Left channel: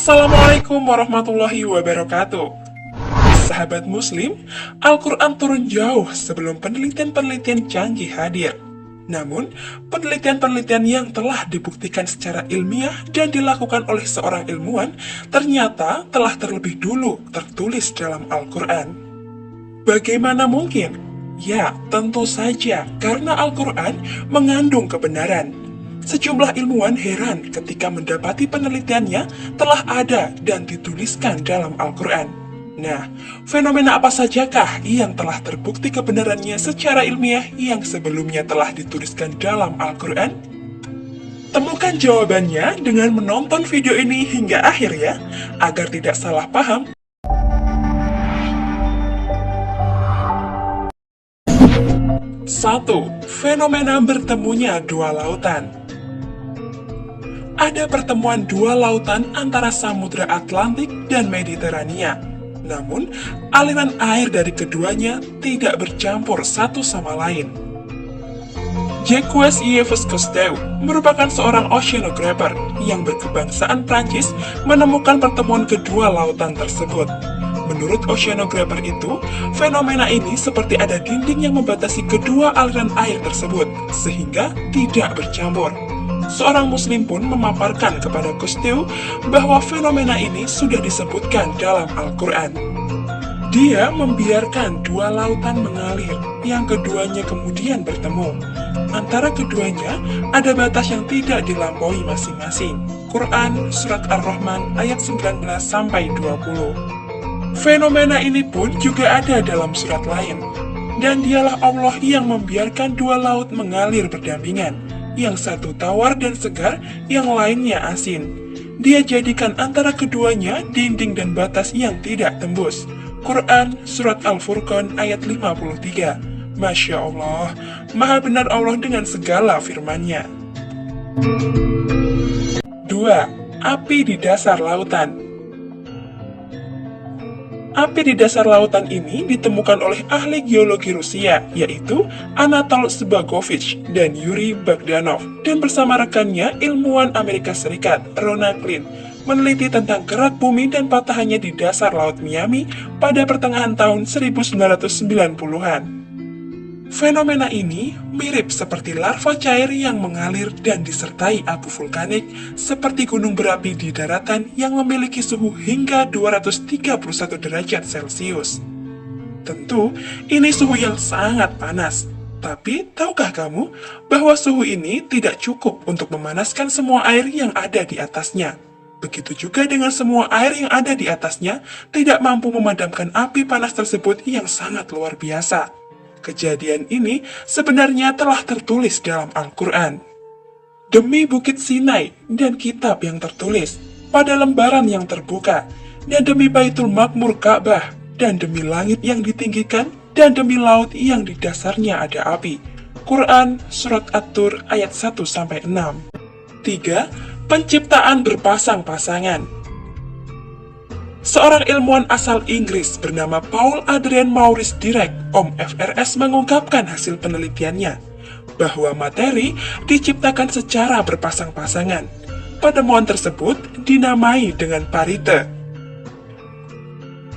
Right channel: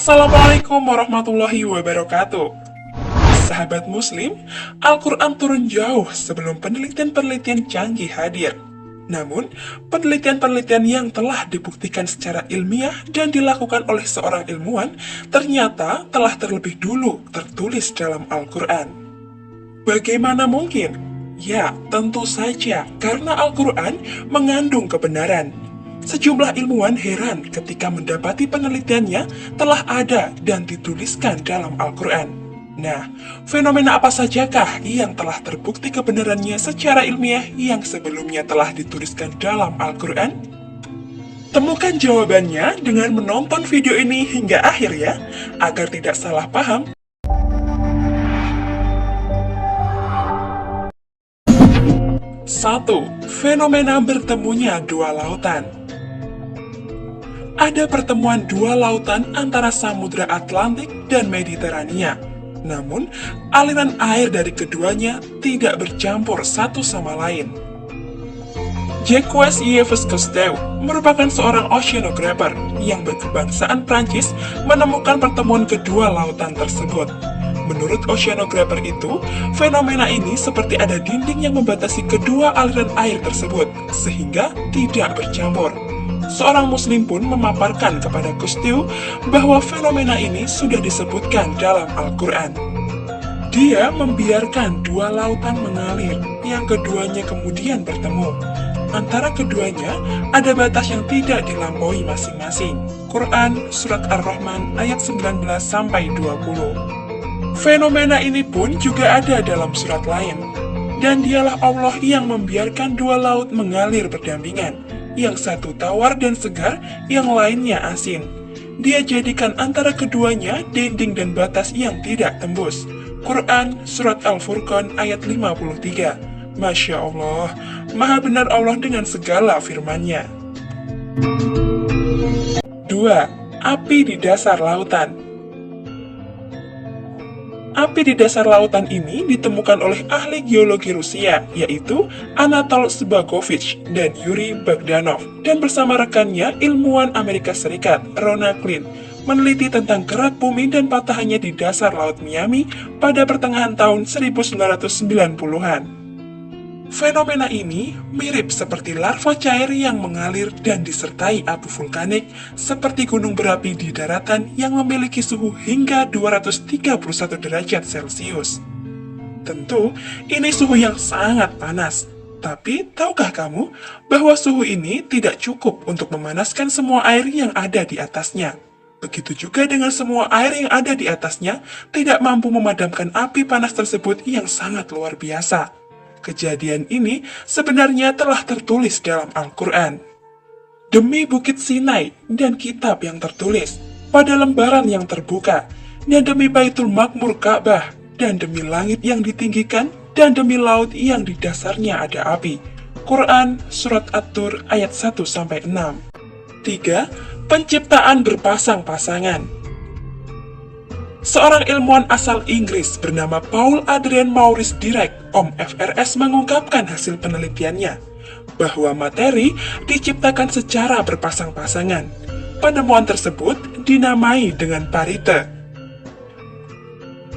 Assalamualaikum warahmatullahi wabarakatuh. Sahabat Muslim, Al-Quran turun jauh sebelum penelitian-penelitian canggih hadir. Namun, penelitian-penelitian yang telah dibuktikan secara ilmiah dan dilakukan oleh seorang ilmuwan ternyata telah terlebih dulu tertulis dalam Al-Quran. Bagaimana mungkin? Ya, tentu saja karena Al-Quran mengandung kebenaran. Sejumlah ilmuwan heran ketika mendapati penelitiannya telah ada dan dituliskan dalam Al-Quran. Nah, fenomena apa sajakah yang telah terbukti kebenarannya secara ilmiah yang sebelumnya telah dituliskan dalam Al-Quran? Temukan jawabannya dengan menonton video ini hingga akhir ya, agar tidak salah paham. 1. Fenomena bertemunya dua lautan. Ada pertemuan dua lautan antara Samudra Atlantik dan Mediterania. Namun, aliran air dari keduanya tidak bercampur satu sama lain. Jacques-Yves Cousteau merupakan seorang oceanographer yang berkebangsaan Prancis menemukan pertemuan kedua lautan tersebut. Menurut oceanographer itu, fenomena ini seperti ada dinding yang membatasi kedua aliran air tersebut, sehingga tidak bercampur. Seorang muslim pun memaparkan kepada Cousteau bahwa fenomena ini sudah disebutkan dalam Al-Quran. Dia membiarkan dua lautan mengalir, yang keduanya kemudian bertemu. Antara keduanya ada batas yang tidak dilampaui masing-masing. Quran Surat Ar-Rahman ayat 19-20. Fenomena ini pun juga ada dalam surat lain. Dan dialah Allah yang membiarkan dua laut mengalir berdampingan, yang satu tawar dan segar, yang lainnya asin. Dia jadikan antara keduanya dinding dan batas yang tidak tembus. Quran Surat Al-Furqan ayat 53. Masya Allah, maha benar Allah dengan segala firman-Nya. 2. Api di dasar lautan. Api di dasar lautan ini ditemukan oleh ahli geologi Rusia, yaitu Anatol Zbagovich dan Yuri Bogdanov, dan bersama rekannya ilmuwan Amerika Serikat, Ronald Klein, meneliti tentang gerak bumi dan patahannya di dasar Laut Miami pada pertengahan tahun 1990-an. Fenomena ini mirip seperti larva cair yang mengalir dan disertai abu vulkanik seperti gunung berapi di daratan yang memiliki suhu hingga 231 derajat Celcius. Tentu, ini suhu yang sangat panas. Tapi, tahukah kamu bahwa suhu ini tidak cukup untuk memanaskan semua air yang ada di atasnya? Begitu juga dengan semua air yang ada di atasnya tidak mampu memadamkan api panas tersebut yang sangat luar biasa. Kejadian ini sebenarnya telah tertulis dalam Al-Quran. Demi Bukit Sinai dan kitab yang tertulis pada lembaran yang terbuka, dan demi Baitul Makmur Ka'bah, dan demi langit yang ditinggikan, dan demi laut yang di dasarnya ada api. Quran Surat At-Tur ayat 1-6. 3. Penciptaan berpasang-pasangan. Seorang ilmuwan asal Inggris bernama Paul Adrian Maurice Dirac, Om FRS, mengungkapkan hasil penelitiannya bahwa materi diciptakan secara berpasang-pasangan. Penemuan tersebut dinamai dengan parite.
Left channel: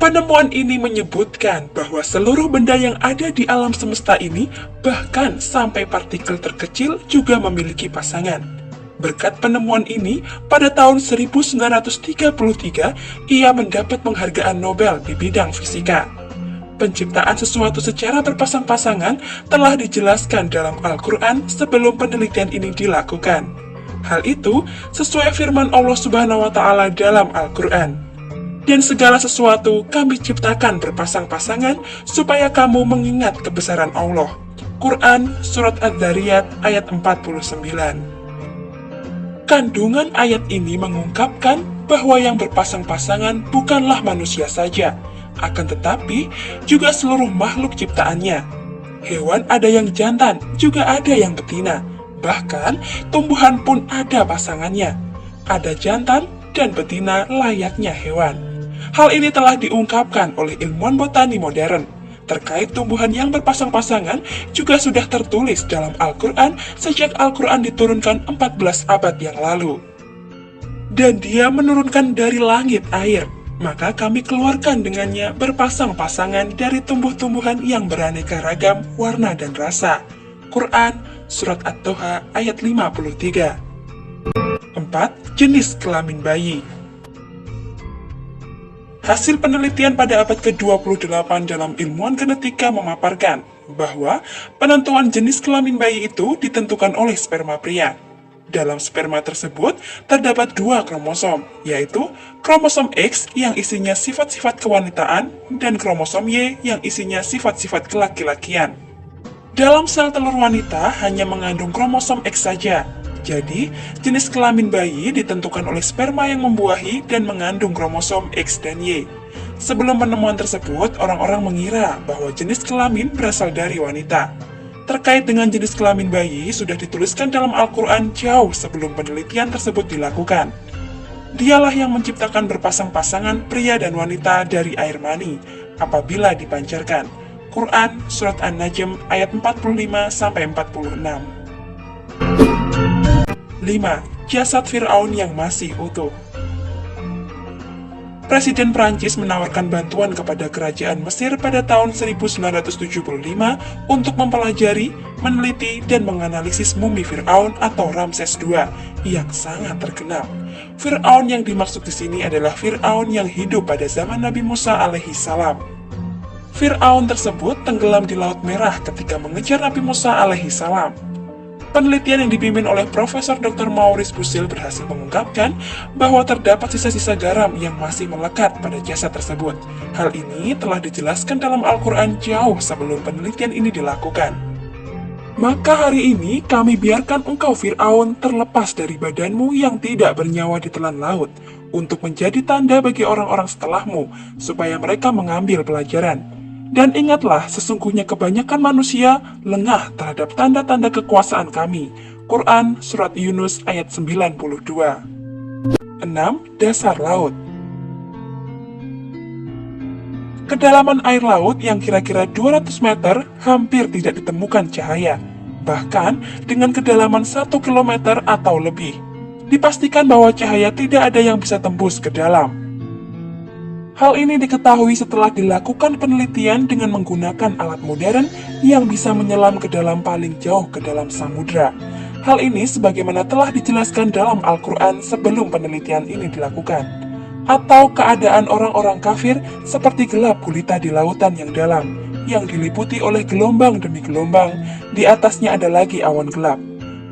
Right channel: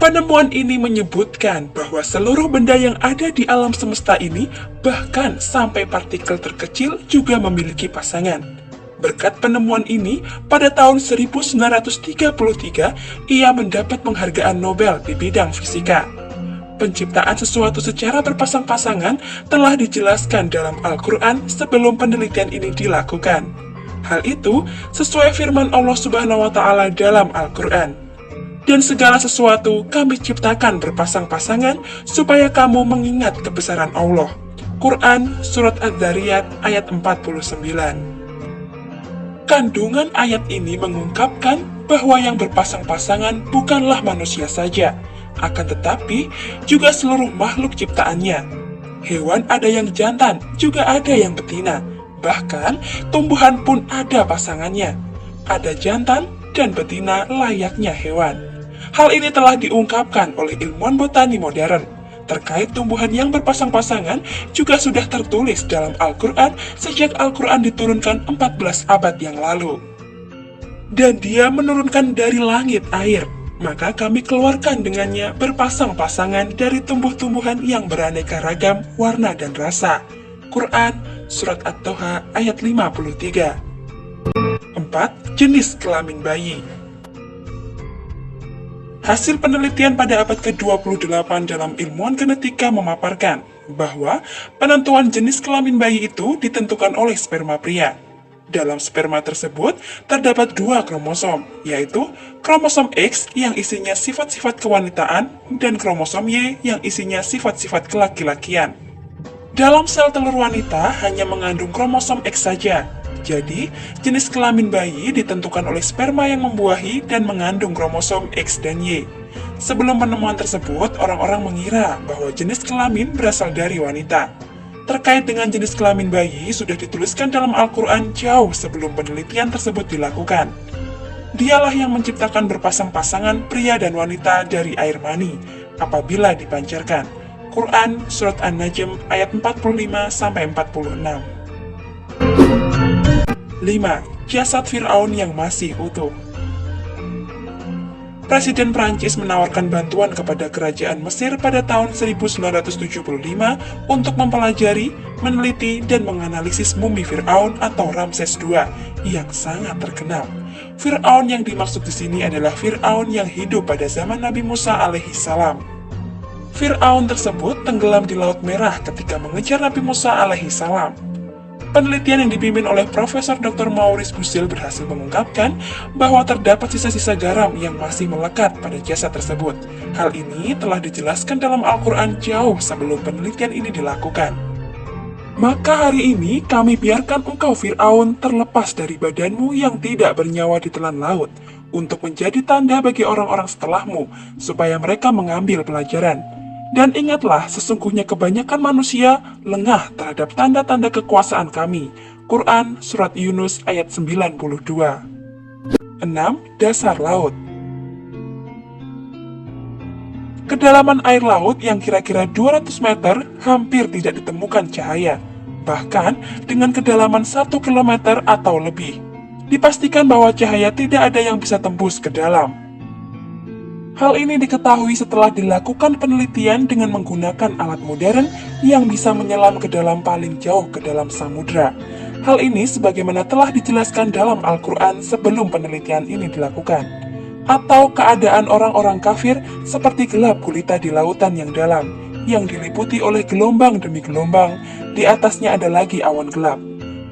Penemuan ini menyebutkan bahwa seluruh benda yang ada di alam semesta ini, bahkan sampai partikel terkecil, juga memiliki pasangan. Berkat penemuan ini, pada tahun 1933, ia mendapat penghargaan Nobel di bidang fisika. Penciptaan sesuatu secara berpasang-pasangan telah dijelaskan dalam Al-Quran sebelum penelitian ini dilakukan. Hal itu sesuai firman Allah Subhanahu wa Ta'ala dalam Al-Quran. Dan segala sesuatu kami ciptakan berpasang-pasangan supaya kamu mengingat kebesaran Allah. Quran Surat Adz-Dzariyat ayat 49. Kandungan ayat ini mengungkapkan bahwa yang berpasang-pasangan bukanlah manusia saja, akan tetapi juga seluruh makhluk ciptaannya. Hewan ada yang jantan, juga ada yang betina. Bahkan, tumbuhan pun ada pasangannya. Ada jantan dan betina layaknya hewan. Hal ini telah diungkapkan oleh ilmuwan botani modern. Terkait tumbuhan yang berpasang-pasangan juga sudah tertulis dalam Al-Quran sejak Al-Quran diturunkan 14 abad yang lalu. Dan dia menurunkan dari langit air, maka kami keluarkan dengannya berpasang-pasangan dari tumbuh-tumbuhan yang beraneka ragam, warna dan rasa. Quran, Surat At-Toha ayat 53. 4. Jenis kelamin bayi. Hasil penelitian pada abad ke-28 dalam ilmuwan genetika memaparkan bahwa penentuan jenis kelamin bayi itu ditentukan oleh sperma pria. Dalam sperma tersebut terdapat 2 kromosom, yaitu kromosom X yang isinya sifat-sifat kewanitaan dan kromosom Y yang isinya sifat-sifat kelaki-lakian. Dalam sel telur wanita hanya mengandung kromosom X saja, jadi jenis kelamin bayi ditentukan oleh sperma yang membuahi dan mengandung kromosom X dan Y. Sebelum penemuan tersebut, orang-orang mengira bahwa jenis kelamin berasal dari wanita. Terkait dengan jenis kelamin bayi sudah dituliskan dalam Al-Quran jauh sebelum penelitian tersebut dilakukan. Dialah yang menciptakan berpasang-pasangan pria dan wanita dari air mani apabila dipancarkan. Quran Surat An-Najm ayat 45-46. 5. Jasad Fir'aun yang masih utuh. Presiden Prancis menawarkan bantuan kepada kerajaan Mesir pada tahun 1975 untuk mempelajari, meneliti, dan menganalisis mumi Fir'aun atau Ramses II yang sangat terkenal. Fir'aun yang dimaksud di sini adalah Fir'aun yang hidup pada zaman Nabi Musa alaihi salam. Fir'aun tersebut tenggelam di Laut Merah ketika mengejar Nabi Musa alaihi salam. Penelitian yang dipimpin oleh Profesor Dr. Maurice Busil berhasil mengungkapkan bahwa terdapat sisa-sisa garam yang masih melekat pada jasad tersebut. Hal ini telah dijelaskan dalam Al-Quran jauh sebelum penelitian ini dilakukan. Maka hari ini kami biarkan engkau Fir'aun terlepas dari badanmu yang tidak bernyawa di telan laut, untuk menjadi tanda bagi orang-orang setelahmu, supaya mereka mengambil pelajaran. Dan ingatlah, sesungguhnya kebanyakan manusia lengah terhadap tanda-tanda kekuasaan kami. Quran Surat Yunus ayat 92. 6. Dasar laut. Kedalaman air laut yang kira-kira 200 meter hampir tidak ditemukan cahaya. Bahkan dengan kedalaman 1 km atau lebih, dipastikan bahwa cahaya tidak ada yang bisa tembus ke dalam. Hal ini diketahui setelah dilakukan penelitian dengan menggunakan alat modern yang bisa menyelam ke dalam paling jauh ke dalam samudra. Hal ini sebagaimana telah dijelaskan dalam Al-Quran sebelum penelitian ini dilakukan. Atau keadaan orang-orang kafir seperti gelap gulita di lautan yang dalam, yang diliputi oleh gelombang demi gelombang, di atasnya ada lagi awan gelap.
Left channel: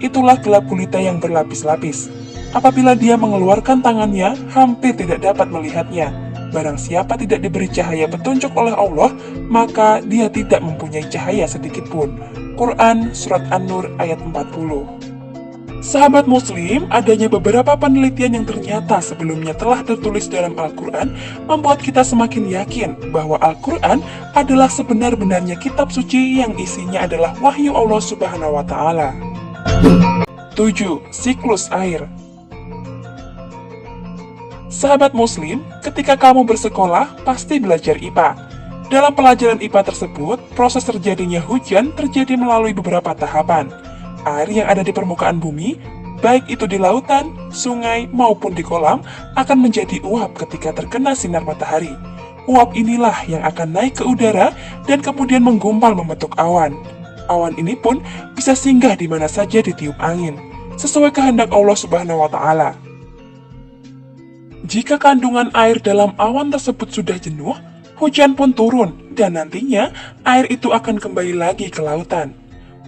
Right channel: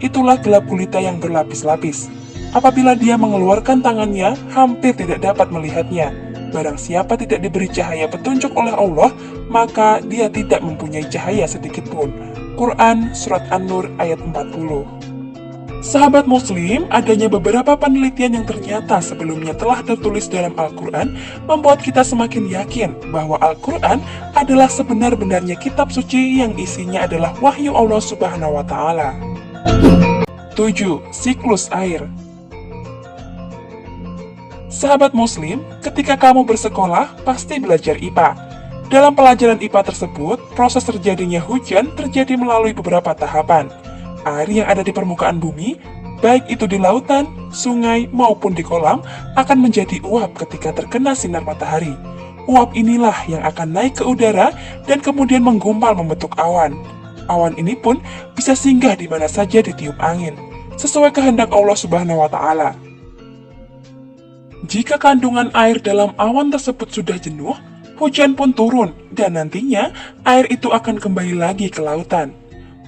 Itulah gelap gulita yang berlapis-lapis. Apabila dia mengeluarkan tangannya, hampir tidak dapat melihatnya. Barang siapa tidak diberi cahaya petunjuk oleh Allah, maka dia tidak mempunyai cahaya sedikitpun. Quran Surat An-Nur ayat 40. Sahabat muslim, adanya beberapa penelitian yang ternyata sebelumnya telah tertulis dalam Al-Quran membuat kita semakin yakin bahwa Al-Quran adalah sebenar-benarnya kitab suci yang isinya adalah wahyu Allah Subhanahu wa Ta'ala. 7. Siklus air. Sahabat muslim, ketika kamu bersekolah, pasti belajar IPA. Dalam pelajaran IPA tersebut, proses terjadinya hujan terjadi melalui beberapa tahapan. Air yang ada di permukaan bumi, baik itu di lautan, sungai, maupun di kolam, akan menjadi uap ketika terkena sinar matahari. Uap inilah yang akan naik ke udara dan kemudian menggumpal membentuk awan. Awan ini pun bisa singgah di mana saja ditiup angin, sesuai kehendak Allah Subhanahu wa Ta'ala. Jika kandungan air dalam awan tersebut sudah jenuh, hujan pun turun, dan nantinya air itu akan kembali lagi ke lautan.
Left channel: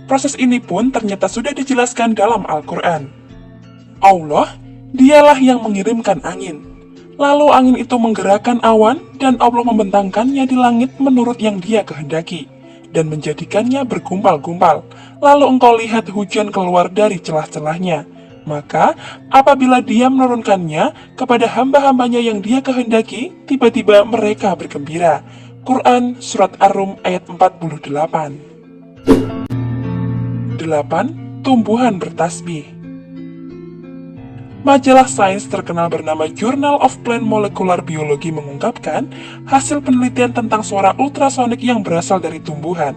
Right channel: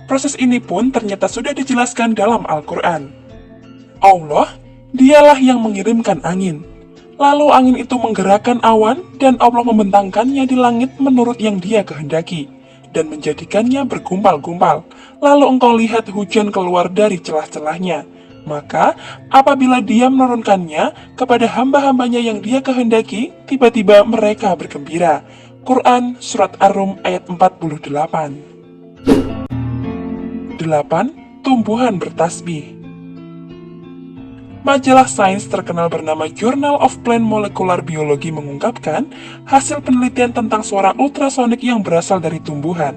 Proses ini pun ternyata sudah dijelaskan dalam Al-Quran. Allah, dialah yang mengirimkan angin. Lalu angin itu menggerakkan awan, dan Allah membentangkannya di langit menurut yang dia kehendaki, dan menjadikannya bergumpal-gumpal. Lalu engkau lihat hujan keluar dari celah-celahnya. Maka, apabila dia menurunkannya kepada hamba-hambanya yang dia kehendaki, tiba-tiba mereka bergembira. Quran Surat Ar-Rum ayat 48. 8. Tumbuhan bertasbih. Majalah sains terkenal bernama Journal of Plant Molecular Biology mengungkapkan hasil penelitian tentang suara ultrasonik yang berasal dari tumbuhan.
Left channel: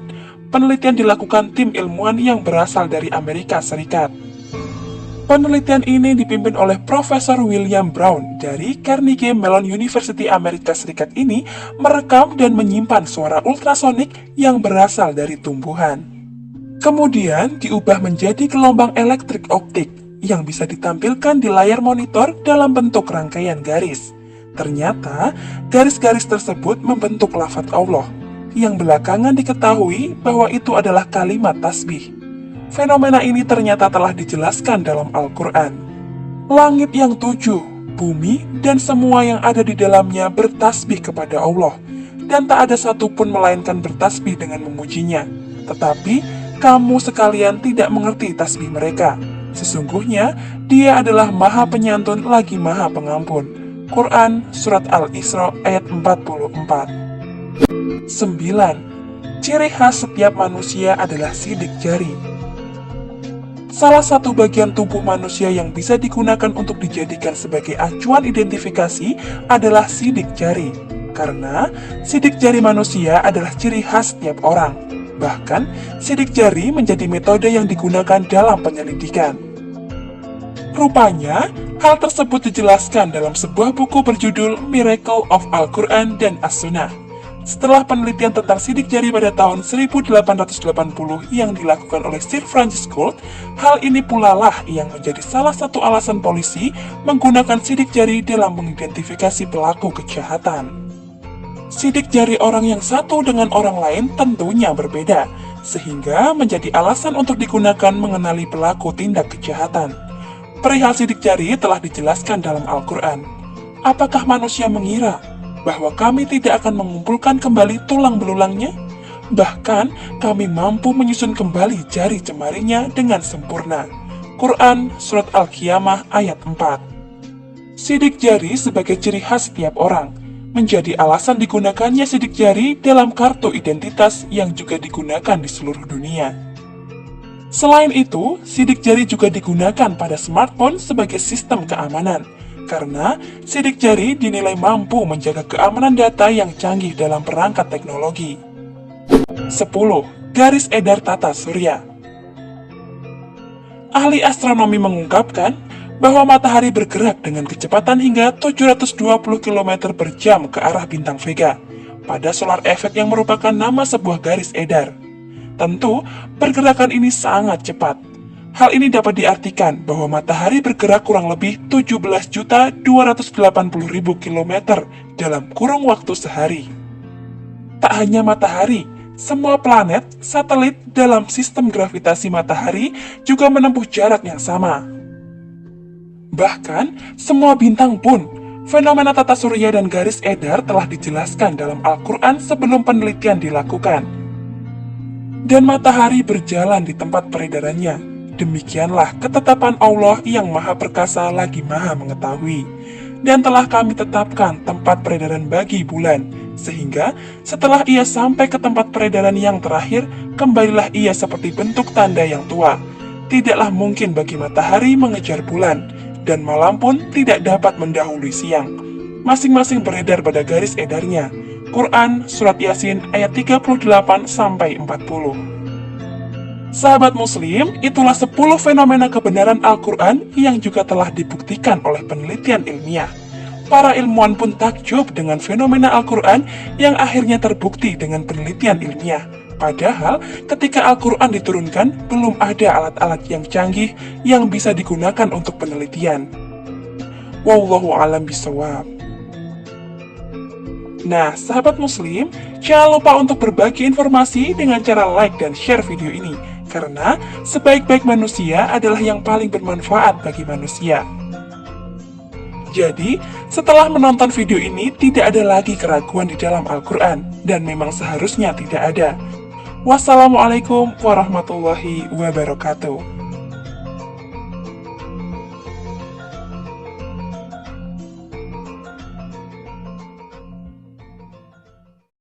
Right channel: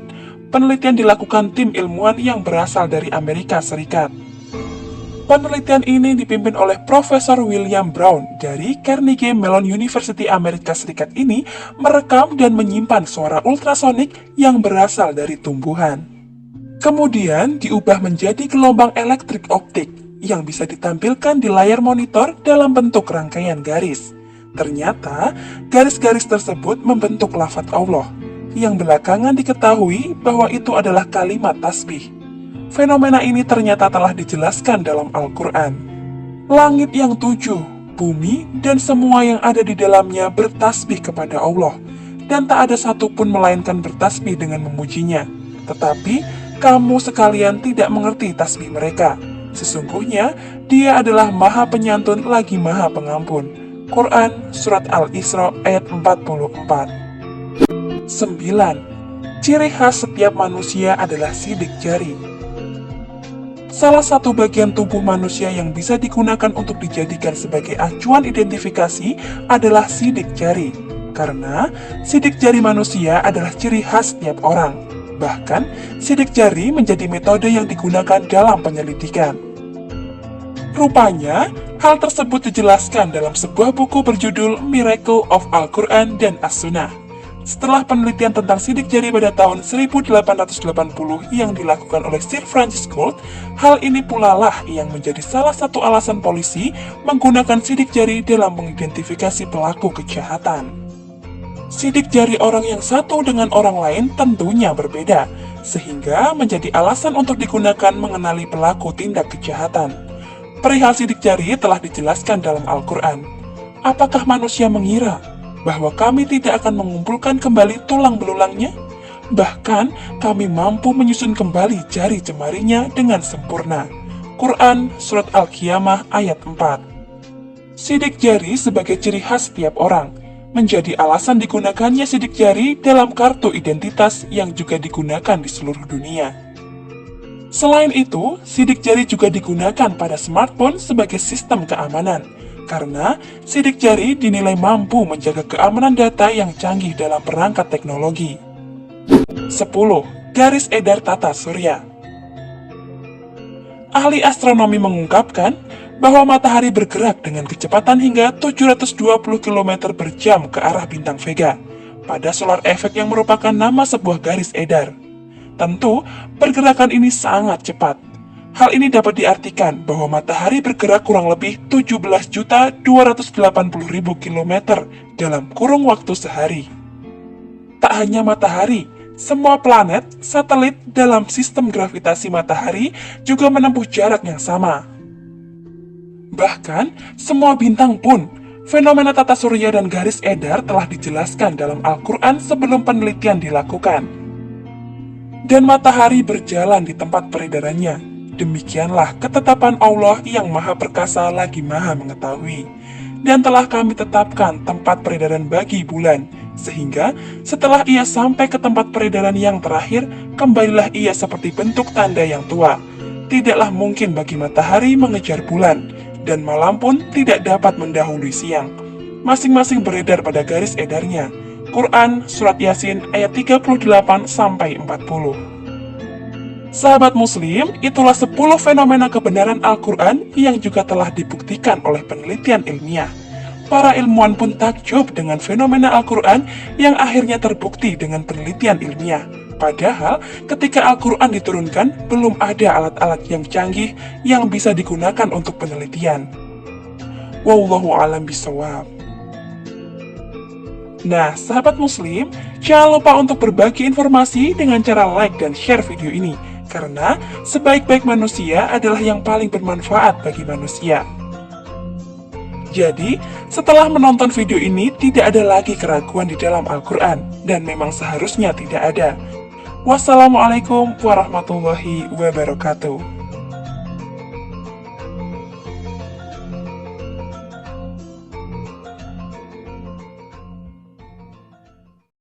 Penelitian dilakukan tim ilmuwan yang berasal dari Amerika Serikat. Penelitian ini dipimpin oleh Profesor William Brown dari Carnegie Mellon University Amerika Serikat ini merekam dan menyimpan suara ultrasonik yang berasal dari tumbuhan. Kemudian diubah menjadi gelombang elektrik optik yang bisa ditampilkan di layar monitor dalam bentuk rangkaian garis. Ternyata, garis-garis tersebut membentuk lafaz Allah, yang belakangan diketahui bahwa itu adalah kalimat tasbih. Fenomena ini ternyata telah dijelaskan dalam Al-Quran. Langit yang tujuh, bumi, dan semua yang ada di dalamnya bertasbih kepada Allah, dan tak ada satupun melainkan bertasbih dengan memujinya. Tetapi, kamu sekalian tidak mengerti tasbih mereka. Sesungguhnya, Dia adalah Maha Penyantun lagi Maha Pengampun. Quran Surat Al-Isra ayat 44. 9. Ciri khas setiap manusia adalah sidik jari. Salah satu bagian tubuh manusia yang bisa digunakan untuk dijadikan sebagai acuan identifikasi adalah sidik jari. Karena sidik jari manusia adalah ciri khas setiap orang. Bahkan, sidik jari menjadi metode yang digunakan dalam penyelidikan. Rupanya, hal tersebut dijelaskan dalam sebuah buku berjudul Miracle of Al-Quran dan As-Sunnah. Setelah penelitian tentang sidik jari pada tahun 1880 yang dilakukan oleh Sir Francis Gould, hal ini pula lah yang menjadi salah satu alasan polisi menggunakan sidik jari dalam mengidentifikasi pelaku kejahatan. Sidik jari orang yang satu dengan orang lain tentunya berbeda, sehingga menjadi alasan untuk digunakan mengenali pelaku tindak kejahatan. Perihal sidik jari telah dijelaskan dalam Al-Quran. Apakah manusia mengira bahwa kami tidak akan mengumpulkan kembali tulang belulangnya? Bahkan, kami mampu menyusun kembali jari jemarinya dengan sempurna. Quran Surat Al-Qiyamah ayat 4. Sidik jari sebagai ciri khas setiap orang, menjadi alasan digunakannya sidik jari dalam kartu identitas yang juga digunakan di seluruh dunia. Selain itu, sidik jari juga digunakan pada smartphone sebagai sistem keamanan, karena sidik jari dinilai mampu menjaga keamanan data yang canggih dalam perangkat teknologi. 10. Garis edar tata surya. Ahli astronomi mengungkapkan bahwa matahari bergerak dengan kecepatan hingga 720 km per jam ke arah bintang Vega pada solar effect yang merupakan nama sebuah garis edar. Tentu, pergerakan ini sangat cepat. Hal ini dapat diartikan bahwa matahari bergerak kurang lebih 17.280.000 km dalam kurung waktu sehari. Tak hanya matahari, semua planet, satelit dalam sistem gravitasi matahari juga menempuh jarak yang sama. Bahkan, semua bintang pun, fenomena tata surya dan garis edar telah dijelaskan dalam Al-Quran sebelum penelitian dilakukan. Dan matahari berjalan di tempat peredarannya. Demikianlah ketetapan Allah yang Maha Perkasa lagi Maha Mengetahui. Dan telah kami tetapkan tempat peredaran bagi bulan, sehingga setelah ia sampai ke tempat peredaran yang terakhir, kembalilah ia seperti bentuk tanda yang tua. Tidaklah mungkin bagi matahari mengejar bulan, dan malam pun tidak dapat mendahului siang. Masing-masing beredar pada garis edarnya. Quran Surat Yasin ayat 38-40. Sahabat muslim, itulah 10 fenomena kebenaran Al-Quran yang juga telah dibuktikan oleh penelitian ilmiah. Para ilmuwan pun takjub dengan fenomena Al-Quran yang akhirnya terbukti dengan penelitian ilmiah. Padahal, ketika Al-Quran diturunkan, belum ada alat-alat yang canggih yang bisa digunakan untuk penelitian. Wallahu a'lam bishawab. Nah, sahabat muslim, jangan lupa untuk berbagi informasi dengan cara like dan share video ini. Karena sebaik-baik manusia adalah yang paling bermanfaat bagi manusia. Jadi, setelah menonton video ini, tidak ada lagi keraguan di dalam Al-Quran, dan memang seharusnya tidak ada. Wassalamualaikum warahmatullahi wabarakatuh.